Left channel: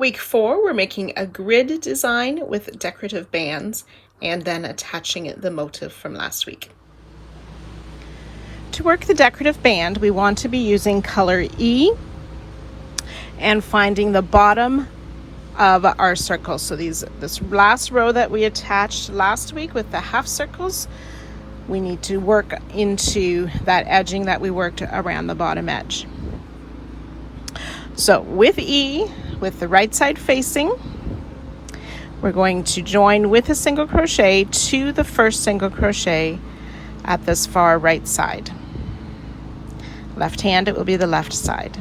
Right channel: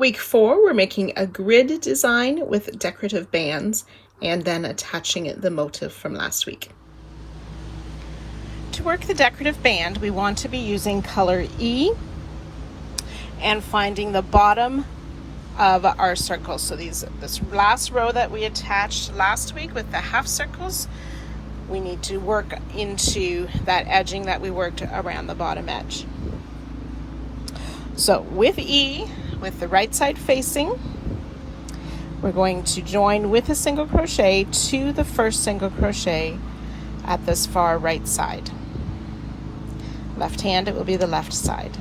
Week 4, we're making a grid design with decorative bands and then attaching the motif from last week. To work the decorative band, we want to be using color E and finding the bottom of our circle. So this last row that we attached last week with the half circles, we need to work into that edging that we worked around the bottom edge. So with E, with the right side facing, we're going to join with a single crochet to the first single crochet at this far right side. Left hand, it will be the left side.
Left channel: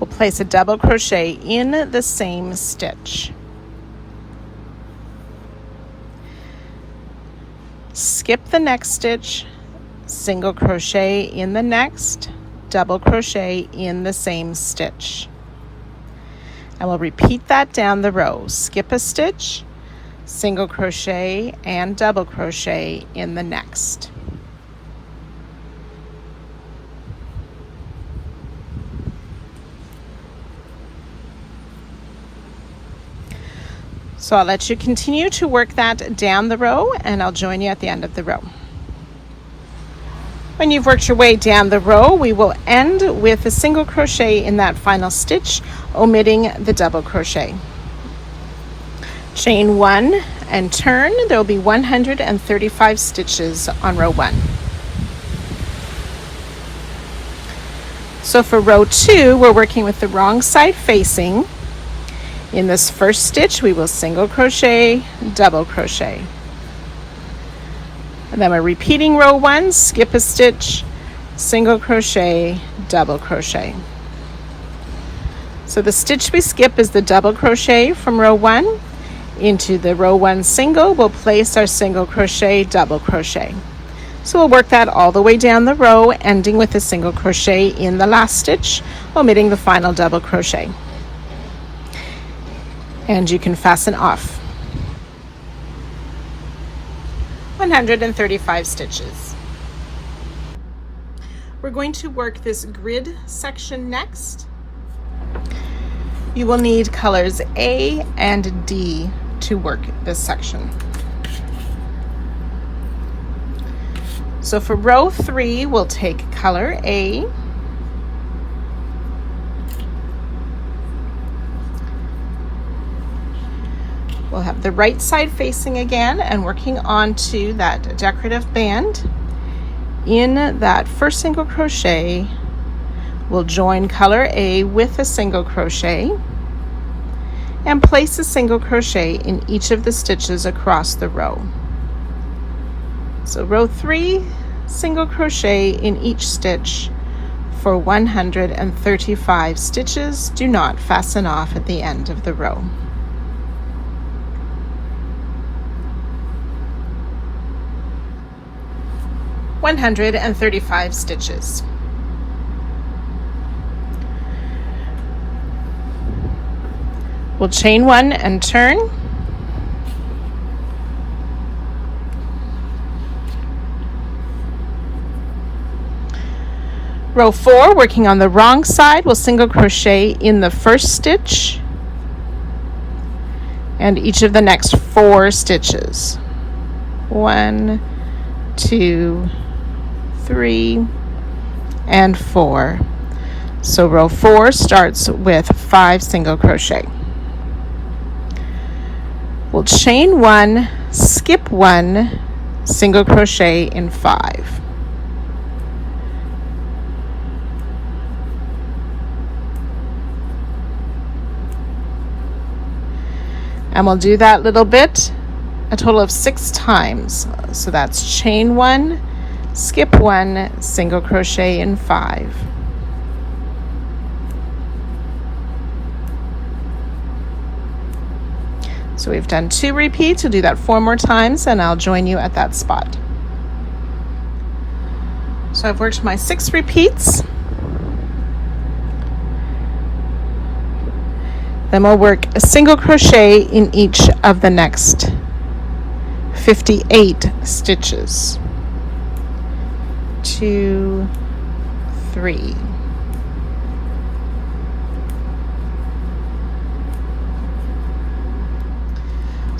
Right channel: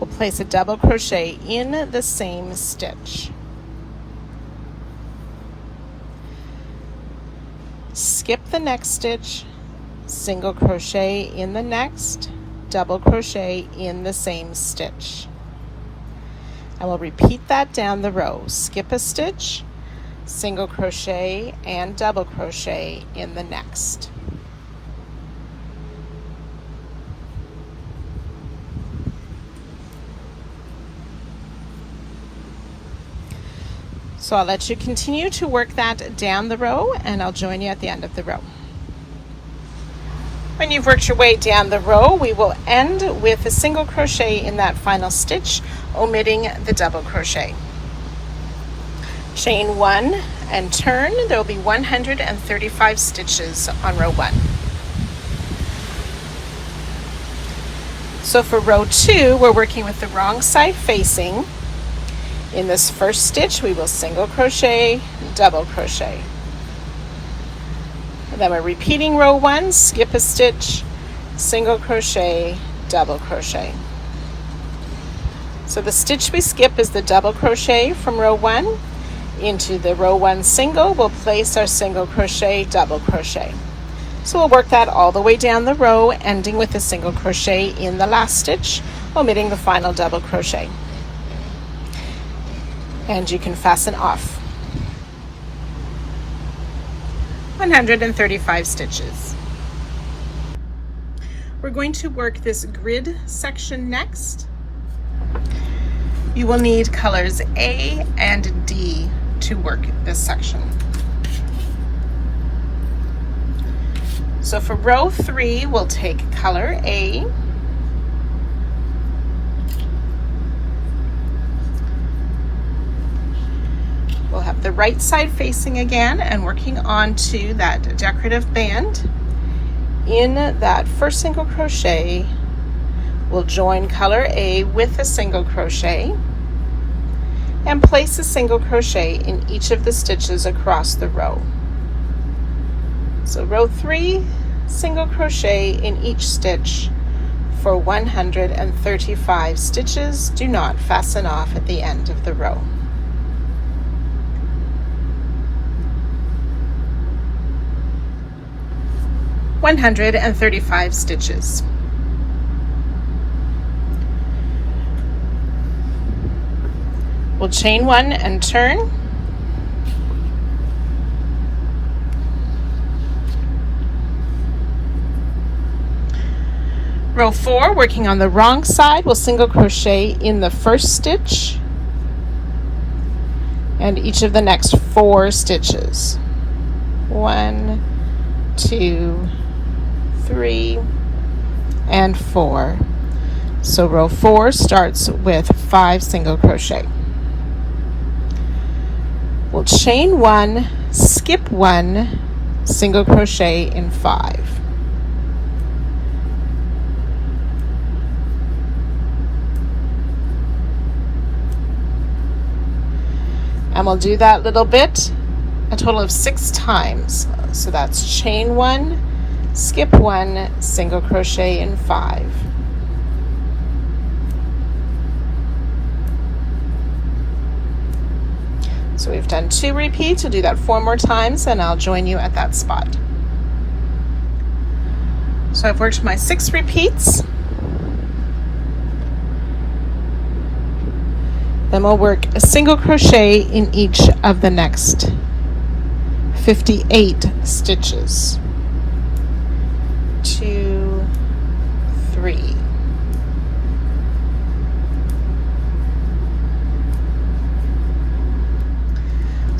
We'll place a double crochet in the same stitch. Skip the next stitch, single crochet in the next, double crochet in the same stitch. And we'll repeat that down the row. Skip a stitch, single crochet and double crochet in the next. So I'll let you continue to work that down the row, and I'll join you at the end of the row. When you've worked your way down the row, we will end with a single crochet in that final stitch, omitting the double crochet. Chain 1 and turn. There will be 135 stitches on row 1. So for row 2, we're working with the wrong side facing. In this first stitch, we will single crochet, double crochet. And then we're repeating row 1, skip a stitch, single crochet, double crochet. So the stitch we skip is the double crochet from row 1. Into the row 1 single, we'll place our single crochet, double crochet. So we'll work that all the way down the row, ending with a single crochet in the last stitch, omitting the final double crochet. And you can fasten off. 135 stitches. We're going to work this grid section next. You will need colors A and D to work this section. So for row 3, we'll take color A. We'll have the right side facing again and working onto that decorative band. In that first single crochet, we'll join color A with a single crochet and place a single crochet in each of the stitches across the row. So row 3, single crochet in each stitch for 135 stitches. Do not fasten off at the end of the row. $135 stitches. We'll chain 1 and turn. Row 4, working on the wrong side, we'll single crochet in the first stitch and each of the next 4 stitches. 1, 2, 3, and 4. So row 4 starts with 5 single crochet. We'll chain 1, skip 1, single crochet in 5. And we'll do that little bit a total of 6 times. So that's chain 1, skip 1, single crochet in 5. So we've done 2 repeats. We'll do that 4 more times and I'll join you at that spot. So I've worked my 6 repeats. Then we'll work a single crochet in each of the next 58 stitches. 2, 3.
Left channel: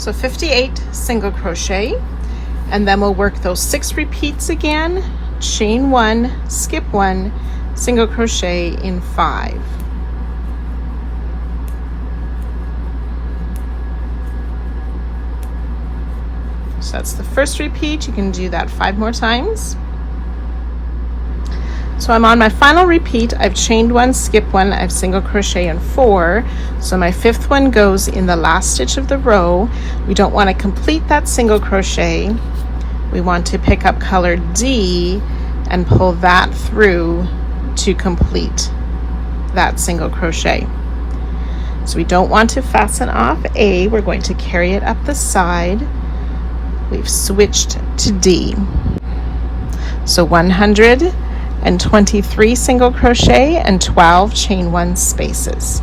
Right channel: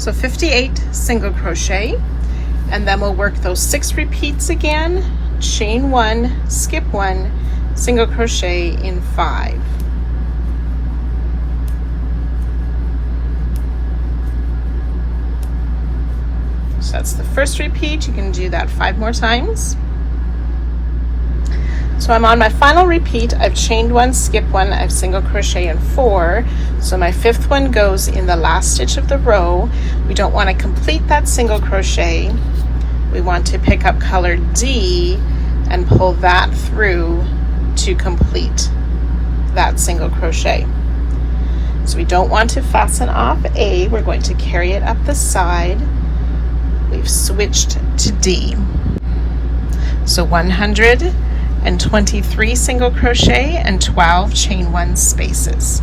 So 58 single crochet, and then we'll work those 6 repeats again, chain 1, skip 1, single crochet in 5. So that's the first repeat. You can do that 5 more times. So I'm on my final repeat. I've chained 1, skipped 1, I've single crochet in 4. So my 5th one goes in the last stitch of the row. We don't want to complete that single crochet. We want to pick up color D and pull that through to complete that single crochet. So we don't want to fasten off A. We're going to carry it up the side. We've switched to D. So 123 single crochet and 12 chain 1 spaces.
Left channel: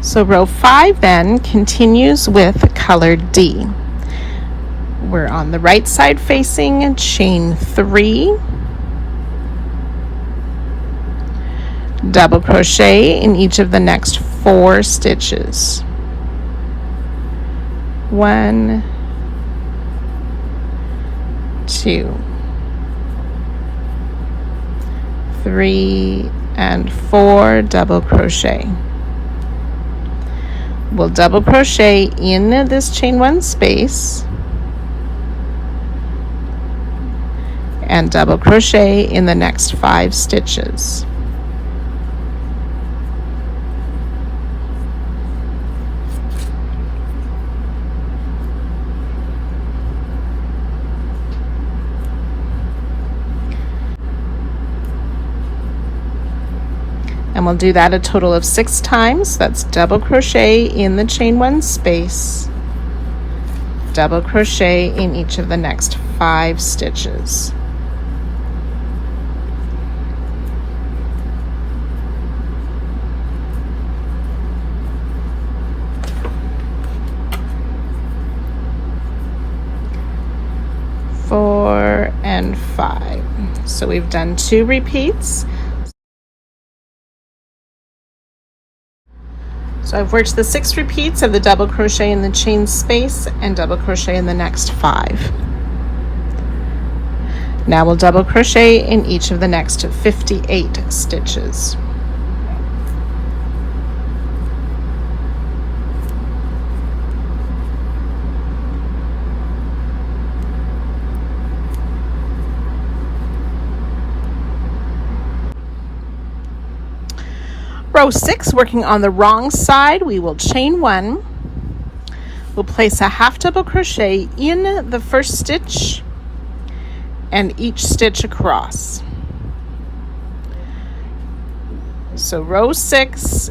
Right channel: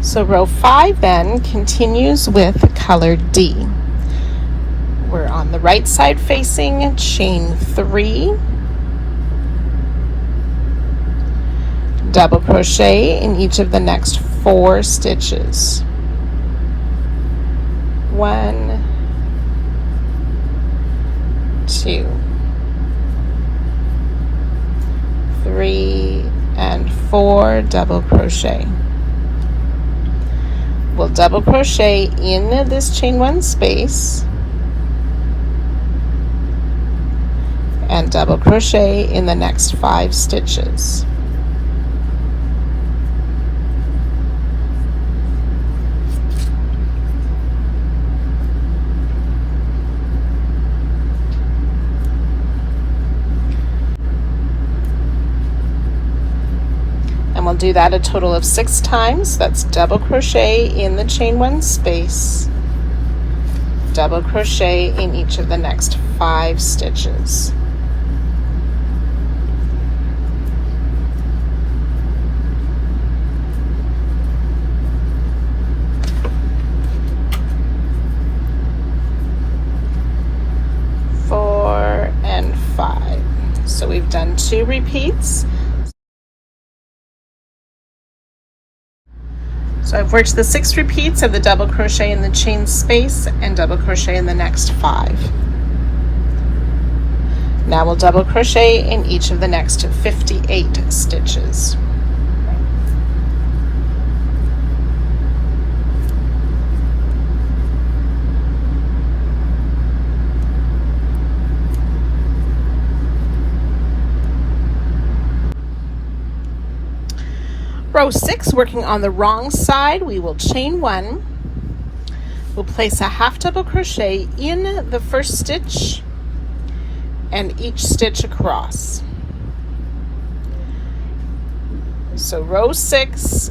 So row 5 then continues with color D. We're on the right side facing, chain 3, double crochet in each of the next 4 stitches. 1, 2, 3, and 4 double crochet. We'll double crochet in this chain 1 space and double crochet in the next 5 stitches. Do that a total of 6 times. That's double crochet in the chain 1 space, double crochet in each of the next 5 stitches. Four and 5. So we've done 2 repeats. So I've worked the 6 repeats of the double crochet in the chain space and double crochet in the next 5. Now we'll double crochet in each of the next 58 stitches. Row 6, working on the wrong side, we will chain 1. We'll place a half double crochet in the first stitch and each stitch across. So row 6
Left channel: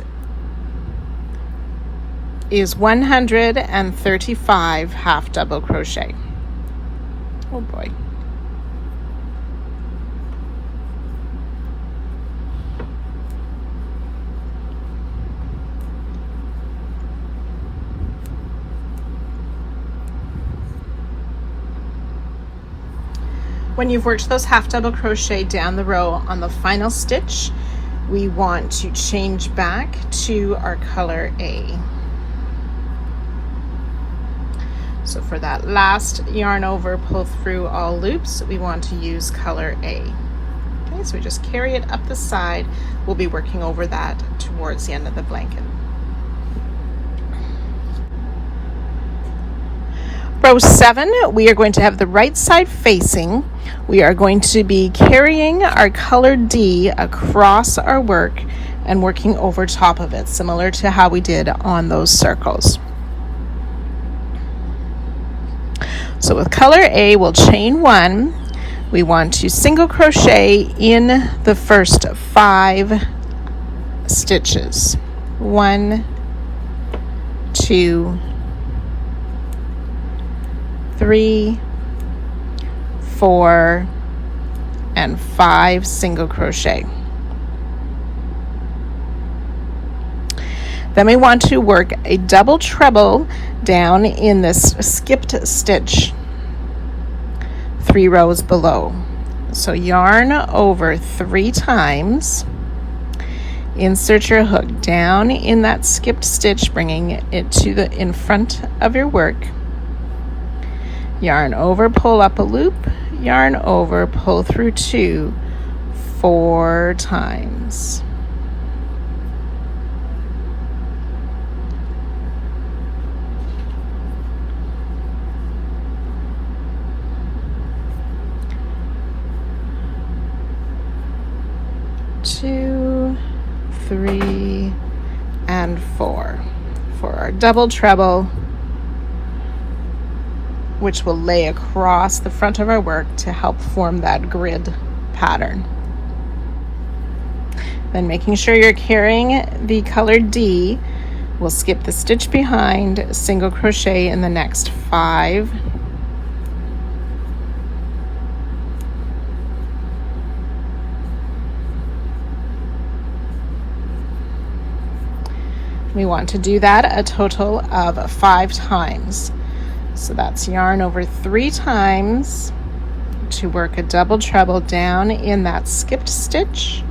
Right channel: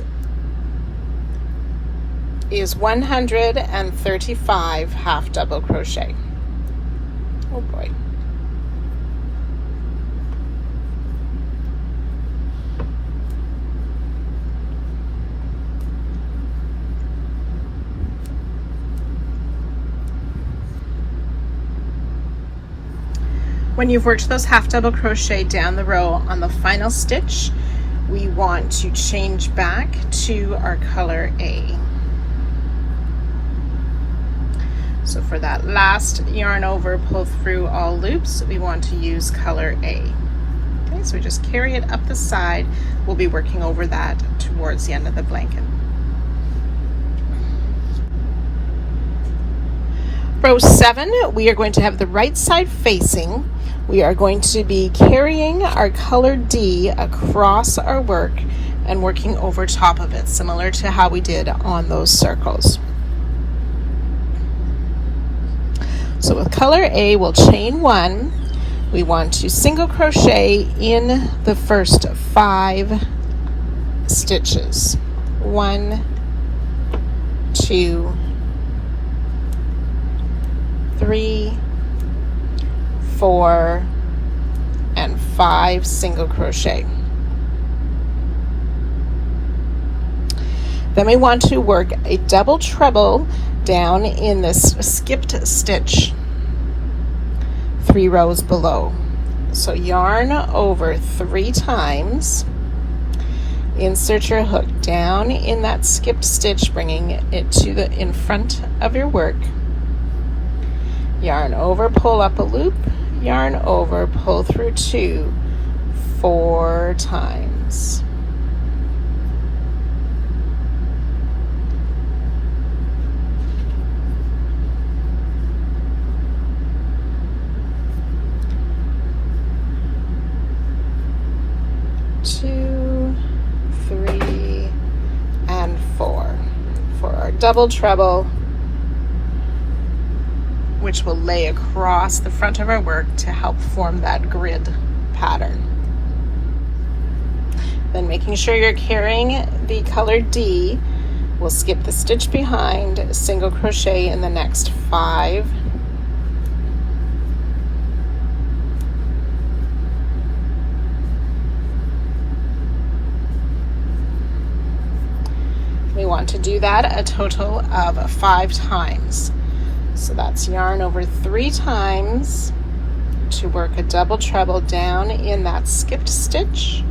is 135 half double crochet. Oh boy. When you've worked those half double crochet down the row on the final stitch, we want to change back to our color A. So for that last yarn over, pull through all loops, we want to use color A. Okay, so we just carry it up the side. We'll be working over that towards the end of the blanket. Row 7, we are going to have the right side facing. We are going to be carrying our color D across our work and working over top of it, similar to how we did on those circles. So with color A, we'll chain 1. We want to single crochet in the first 5 stitches. 1, 2, 3, 4, and 5 single crochet. Then we want to work a double treble down in this skipped stitch 3 rows below. So yarn over 3 times Insert your hook down in that skipped stitch, bringing it to the in front of your work. Yarn over, pull up a loop, yarn over, pull through 2 4 times. Double treble, which will lay across the front of our work to help form that grid pattern. Then making sure you're carrying the color D, we'll skip the stitch behind, single crochet in the next 5. We want to do that a total of 5 times. So that's yarn over 3 times to work a double treble down in that skipped stitch.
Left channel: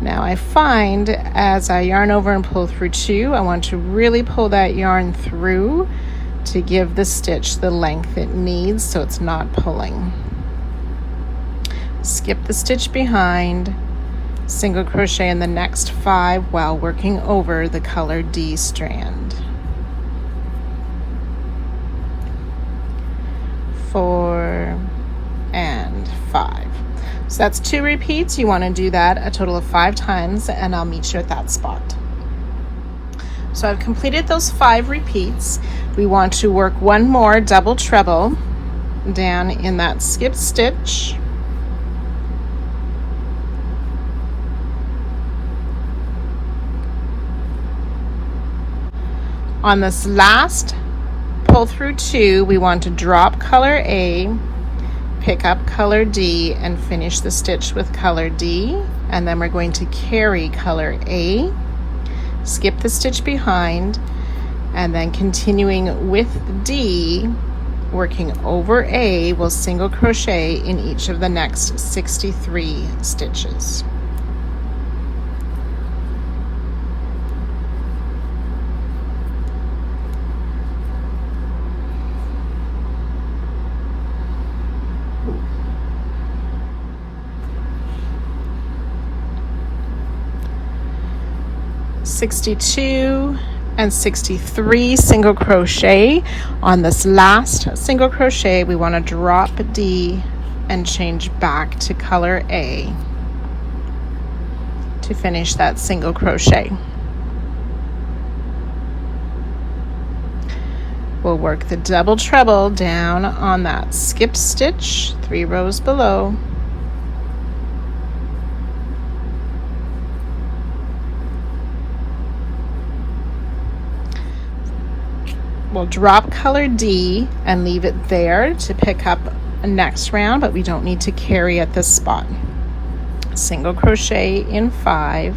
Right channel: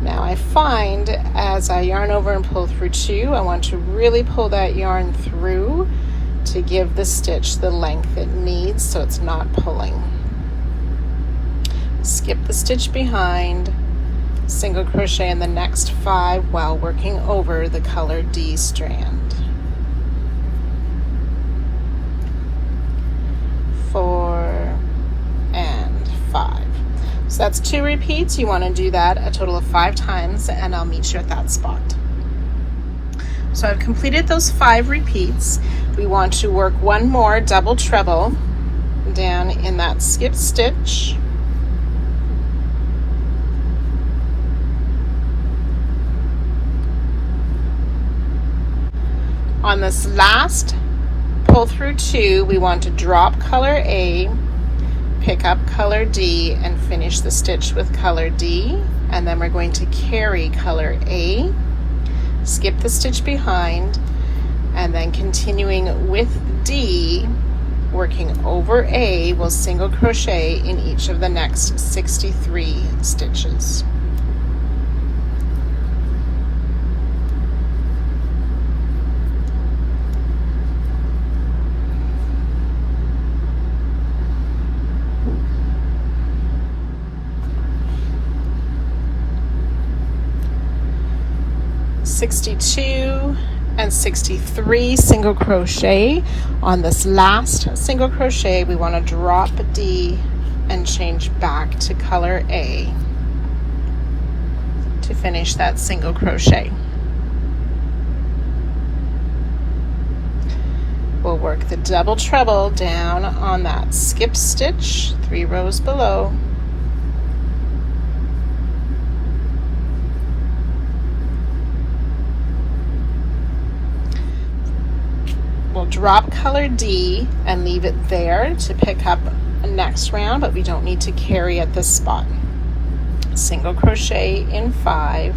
Now I find as I yarn over and pull through 2, I want to really pull that yarn through to give the stitch the length it needs so it's not pulling. Skip the stitch behind, single crochet in the next 5 while working over the color D strand. 4 and 5. So that's 2 repeats. You want to do that a total of 5 times, and I'll meet you at that spot. So I've completed those 5 repeats. We want to work one more double treble down in that skip stitch. On this last pull through 2, we want to drop color A, pick up color D, and finish the stitch with color D, and then we're going to carry color A, skip the stitch behind, and then continuing with D, working over A, we'll single crochet in each of the next 63 stitches. (62) and 63 single crochet. On this last single crochet, we want to drop D and change back to color A to finish that single crochet. We'll work the double treble down on that skip stitch 3 rows below. Drop color D and leave it there to pick up next round, but we don't need to carry at this spot. Single crochet in 5.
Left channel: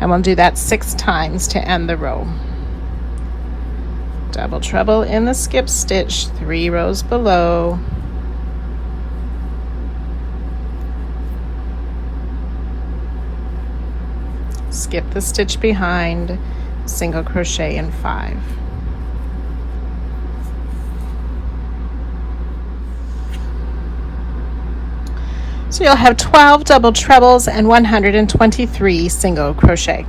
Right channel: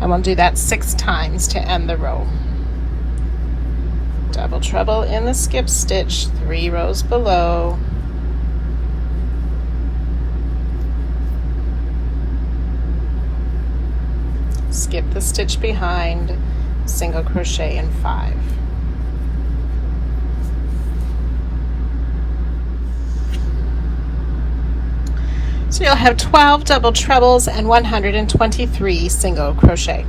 And we'll do that 6 times to end the row. Double treble in the skip stitch 3 rows below. Skip the stitch behind, single crochet in 5. So you'll have 12 double trebles and 123 single crochet.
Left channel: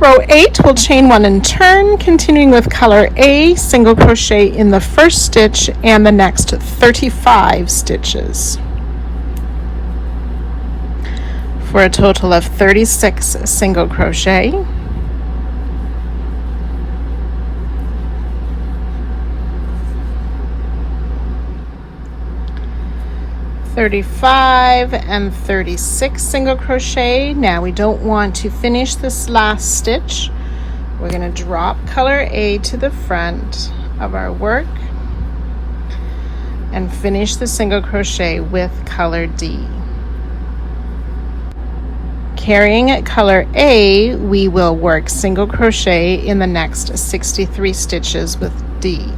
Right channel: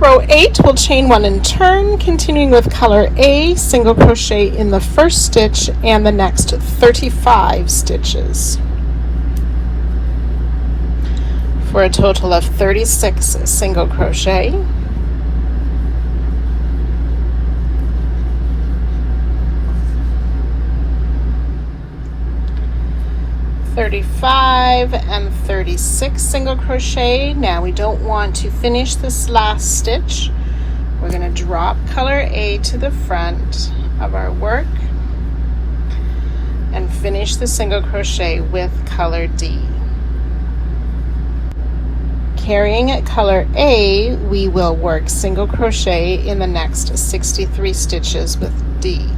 Row 8, we'll chain 1 and turn, continuing with color A, single crochet in the first stitch and the next 35 stitches for a total of 36 single crochet. And 36 single crochet. Now we don't want to finish this last stitch. We're going to drop color A to the front of our work and finish the single crochet with color D. Carrying color A, we will work single crochet in the next 63 stitches with D.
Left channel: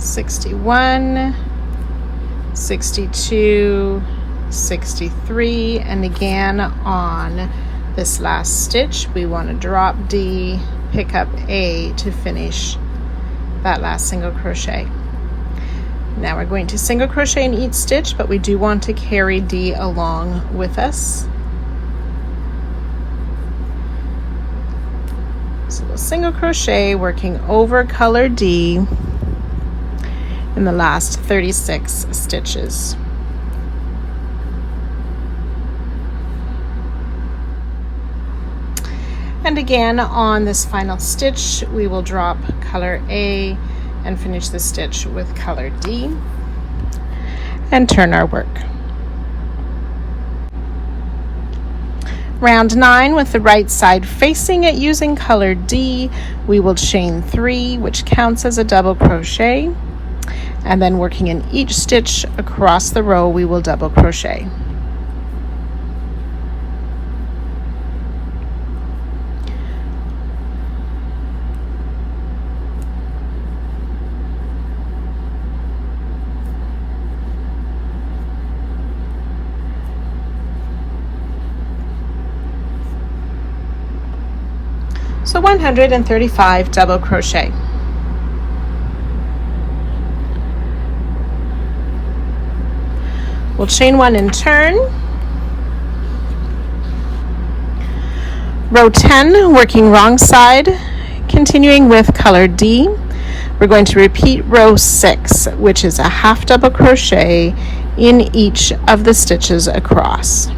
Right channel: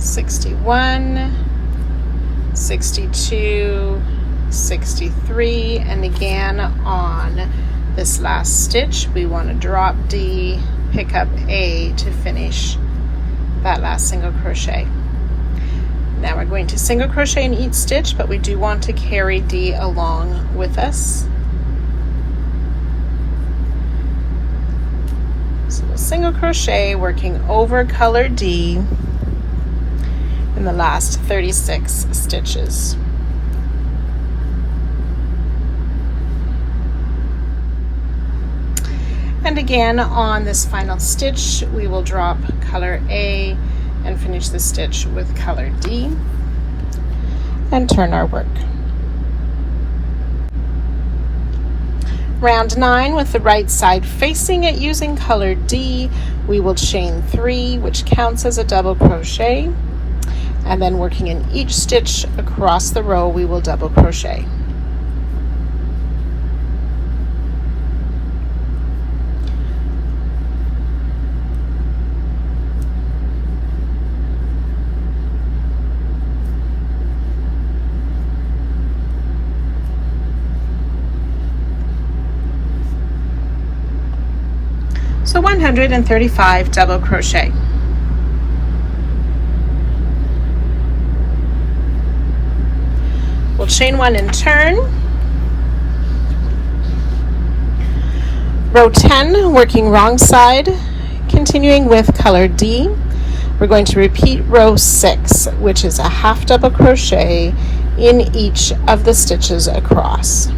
(61), 62, 63, and again on this last stitch we want to drop D, pick up A to finish that last single crochet. Now we're going to single crochet in each stitch, but we do want to carry D along with us. So we'll single crochet working over color D in the last 36 stitches. And again on this final stitch we will drop color A and finish the stitch with color D and turn our work. Round 9 with the right side facing it using color D, we will chain 3, which counts as a double crochet, and then working in each stitch across the row we will double crochet. So 135 double crochet. We'll chain 1 and turn. Row 10, working wrong side, continuing with color D. We're going to repeat row 6, which is a half double crochet in each of the stitches across.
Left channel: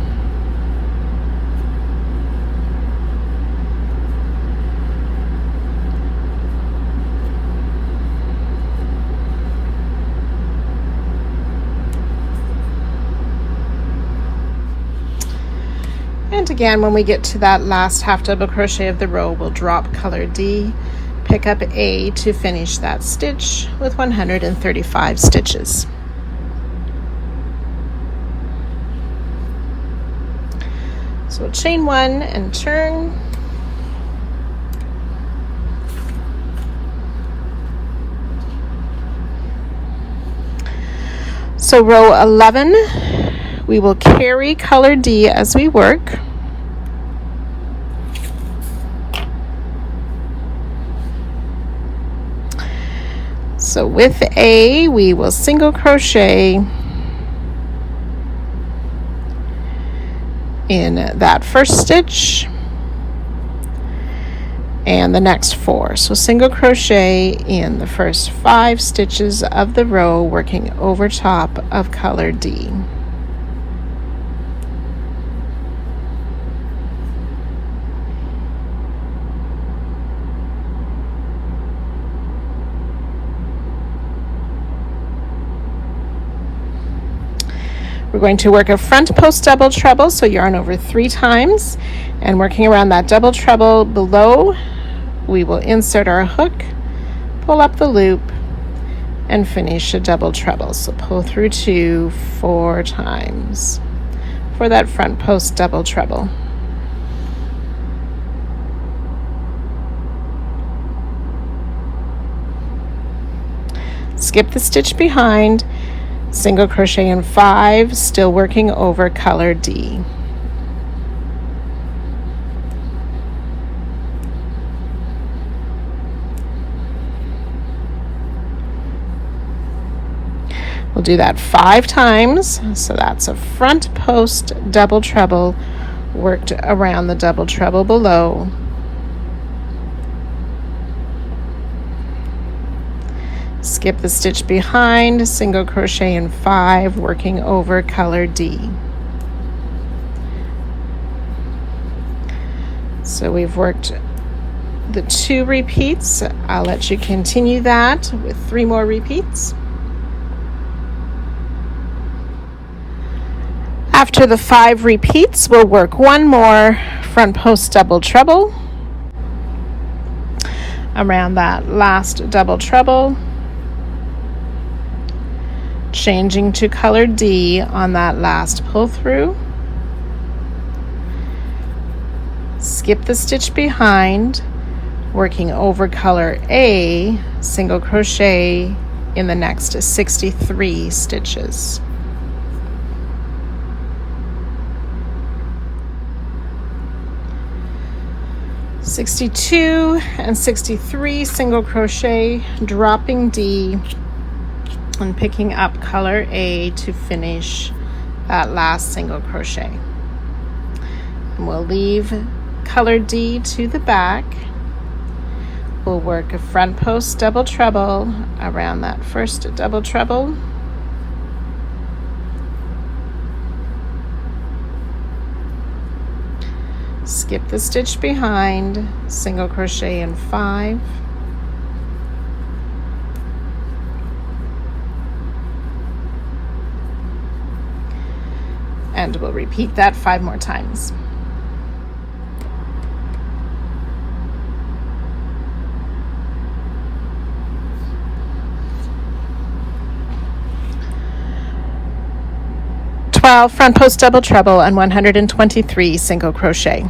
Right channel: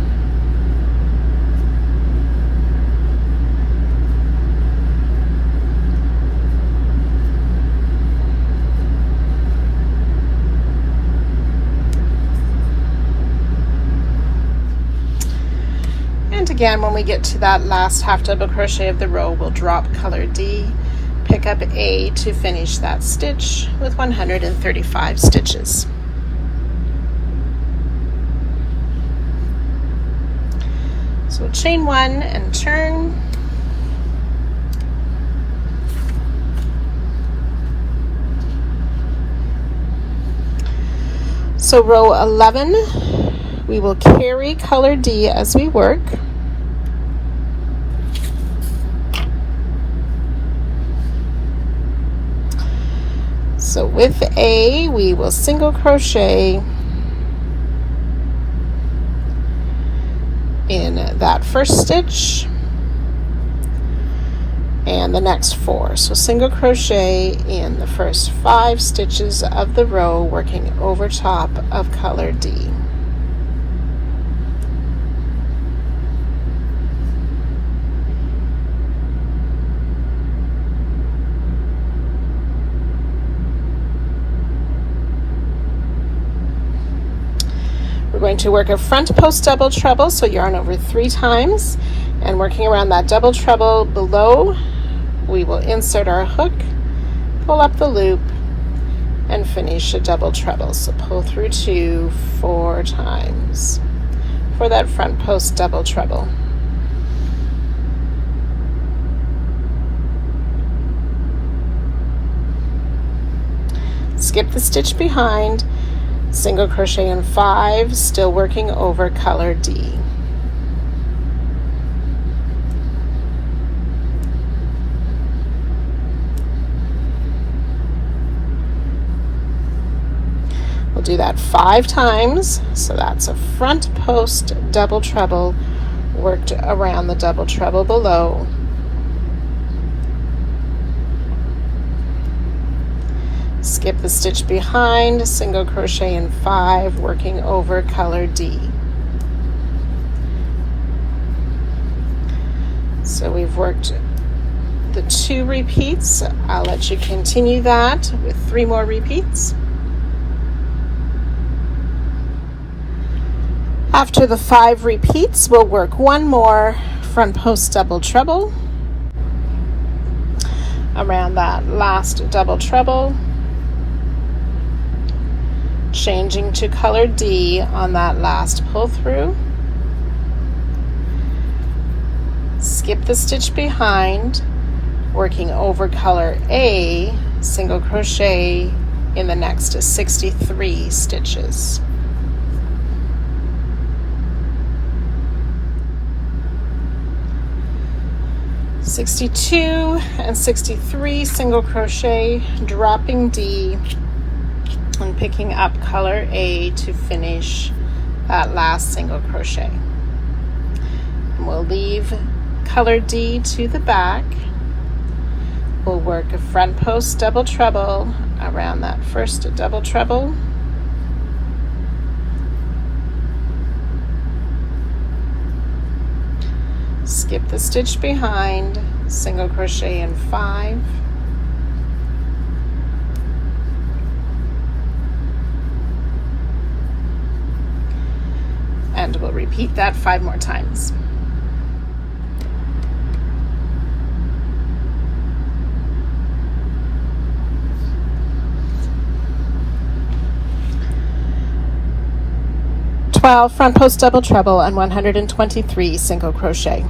Again, when we get to that last half double crochet of the row, we'll drop color D, pick up A to finish that stitch with 135 stitches. So we'll chain 1 and turn. So row 11, we will carry color D as we work. So with A, we will single crochet in that first stitch and the next 4. So single crochet in the first 5 stitches of the row, working over top of color D. We're going to work a front post double treble, so yarn over 3 times, and working around that double treble below, we will insert our hook, pull up the loop, and finish a double treble. So pull through 2 4 times for that front post double treble. Skip the stitch behind, single crochet in 5, still working over color D. We'll do that 5 times, so that's a front post double treble worked around the double treble below. Skip the stitch behind, single crochet in 5, working over color D. So we've worked the 2 repeats. I'll let you continue that with 3 more repeats. After the 5 repeats, we'll work one more front post double treble around that last double treble, changing to color D on that last pull through. Skip the stitch behind, working over color A, single crochet in the next 63 stitches. (62) and 63 single crochet, dropping D and picking up color A to finish that last single crochet. And we'll leave color D to the back. We'll work a front post double treble around that first double treble. Skip the stitch behind, single crochet in 5. And we'll repeat that 5 more times. Front post double treble and 123 single crochet.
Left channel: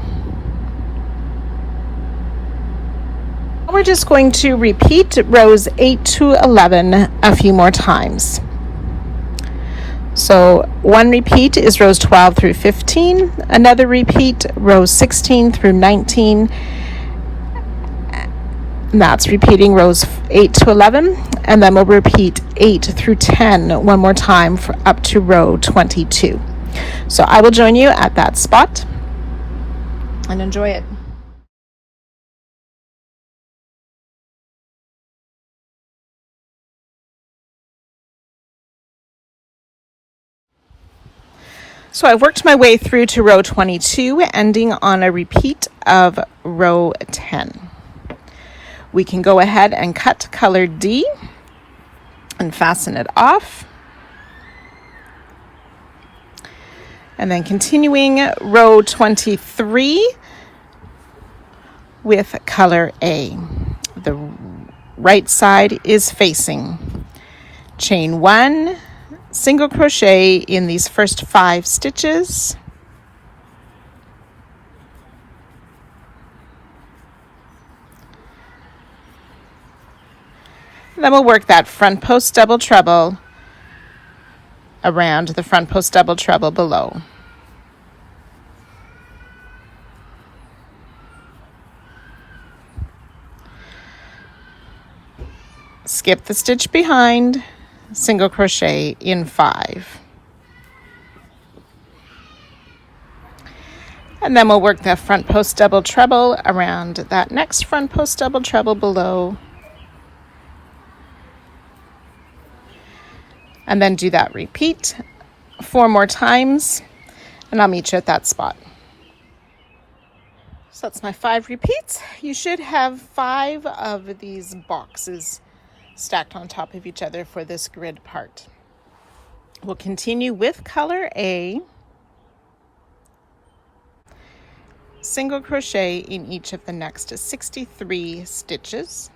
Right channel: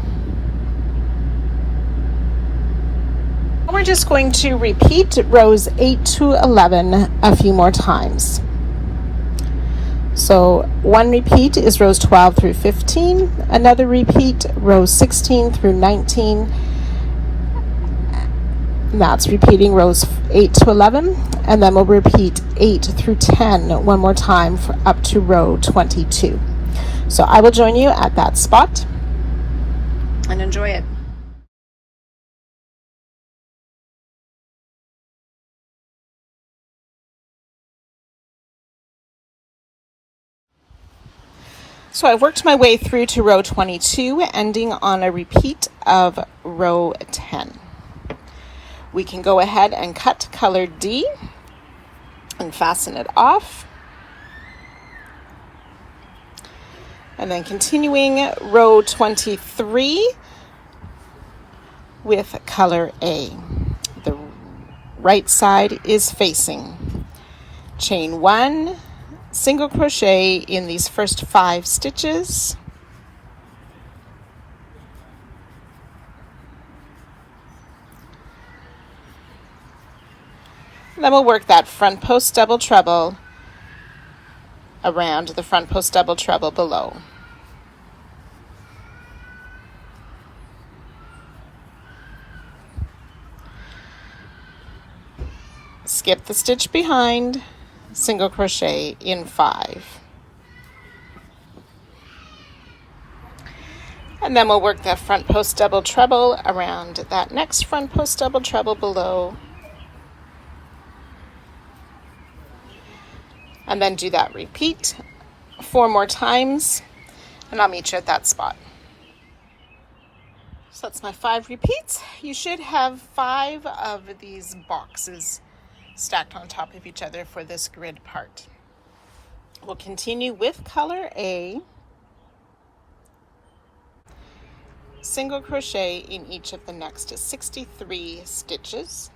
We're just going to repeat rows 8 to 11 a few more times. So one repeat is rows 12 through 15, another repeat rows 16 through 19, and that's repeating rows 8 to 11, and then we'll repeat 8 through 10 one more time for up to row 22. So I will join you at that spot and enjoy it. So I've worked my way through to row 22, ending on a repeat of row 10. We can go ahead and cut color D and fasten it off. And then continuing row 23 with color A. The right side is facing. Chain 1, single crochet in these first 5 stitches. Then we'll work that front post double treble around the front post double treble below. Skip the stitch behind, single crochet in 5. And then we'll work that front post double treble around that next front post double treble below. And then do that repeat 4 more times, and I'll meet you at that spot. So that's my 5 repeats. You should have 5 of these boxes stacked on top of each other for this grid part. We'll continue with color A, single crochet in each of the next 63 stitches.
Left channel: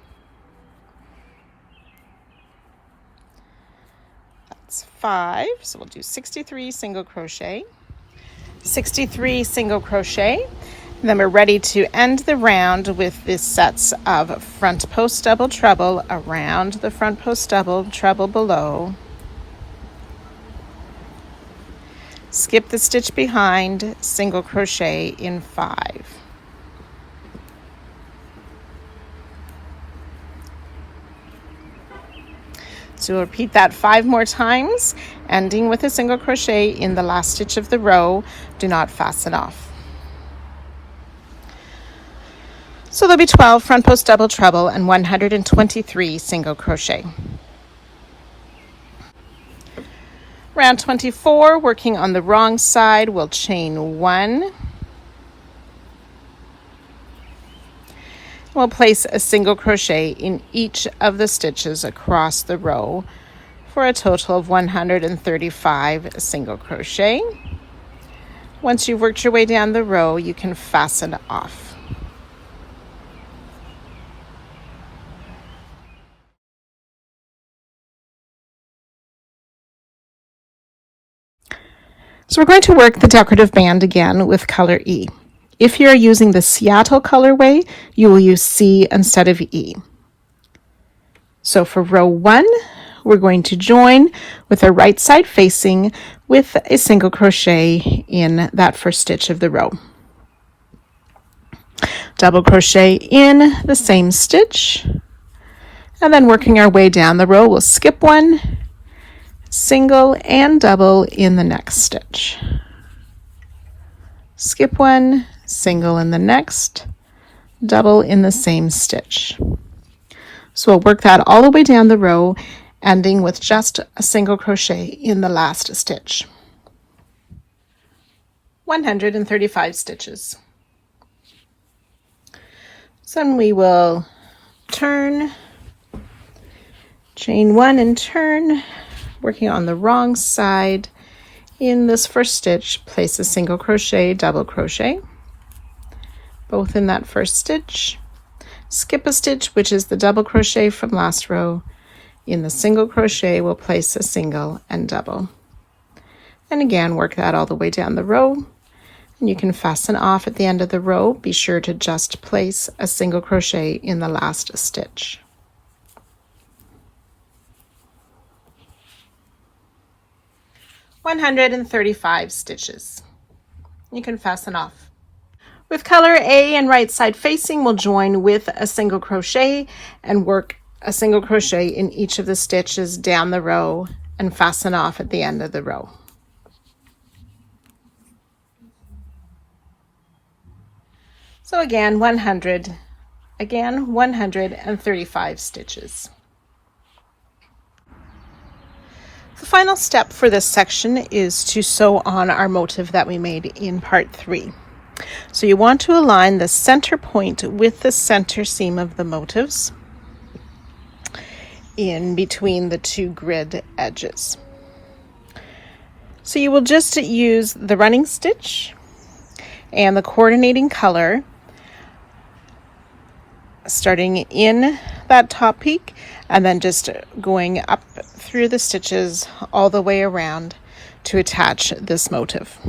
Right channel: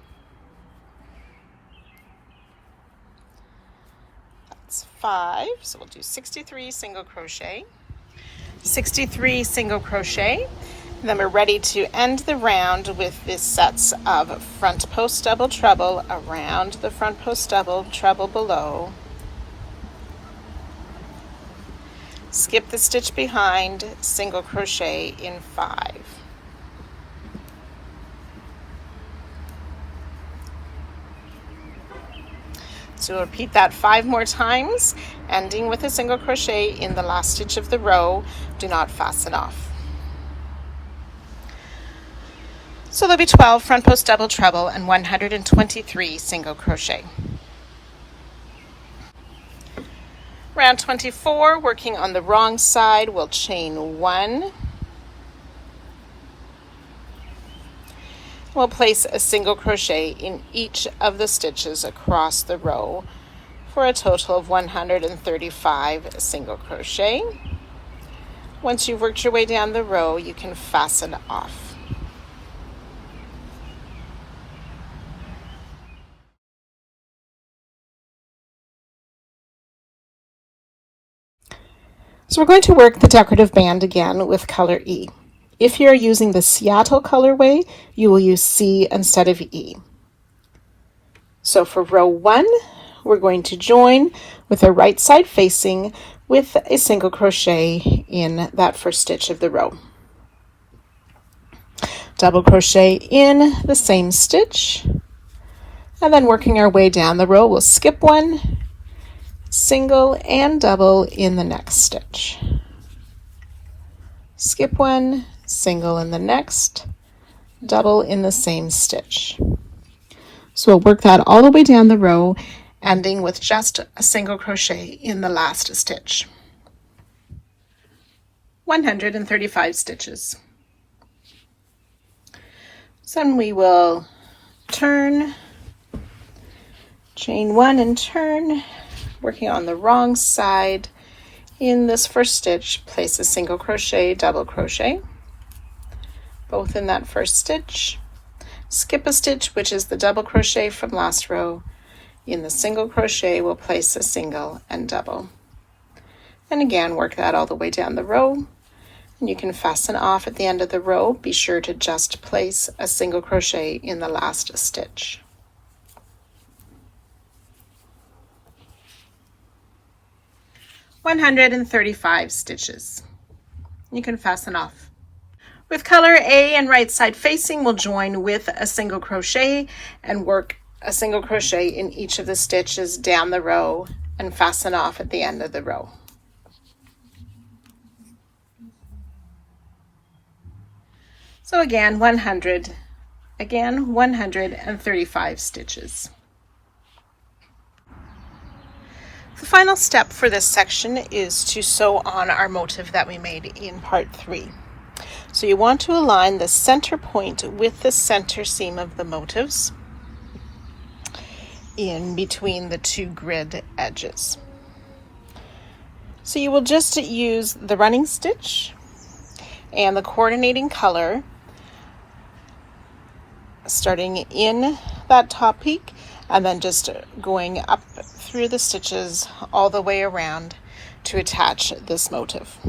5, so we'll do 63 single crochet, 63 single crochet, and then we're ready to end the round with this sets of front post double treble around the front post double treble below. Skip the stitch behind, single crochet in 5. So we'll repeat that 5 more times, ending with a single crochet in the last stitch of the row. Do not fasten off. So there'll be 12 front post double treble and 123 single crochet. Round 24, working on the wrong side, we'll chain 1. We'll place a single crochet in each of the stitches across the row for a total of 135 single crochet. Once you've worked your way down the row, you can fasten off. So we're going to work the decorative band again with color E. If you're using the Seattle colorway, you will use C instead of E. So for row 1, we're going to join with the right side facing with a single crochet in that first stitch of the row. Double crochet in the same stitch, and then working our way down the row, we'll skip one, single and double in the next stitch. Skip one, single in the next, double in the same stitch. So we'll work that all the way down the row, ending with just a single crochet in the last stitch. 135 stitches. So then we will turn, chain 1 and turn, working on the wrong side. In this first stitch, place a single crochet, double crochet, both in that first stitch. Skip a stitch, which is the double crochet from last row. In the single crochet, we'll place a single and double. And again, work that all the way down the row. And you can fasten off at the end of the row. Be sure to just place a single crochet in the last stitch. "135 stitches. You can fasten off. With color A and right side facing, we'll join with a single crochet and work a single crochet in each of the stitches down the row and fasten off at the end of the row. So again, 135 stitches. The final step for this section is to sew on our motif that we made in part 3. So you want to align the center point with the center seam of the motifs in between the 2 grid edges. So you will just use the running stitch and the coordinating color, starting in that top peak and then just going up through the stitches all the way around to attach this motif.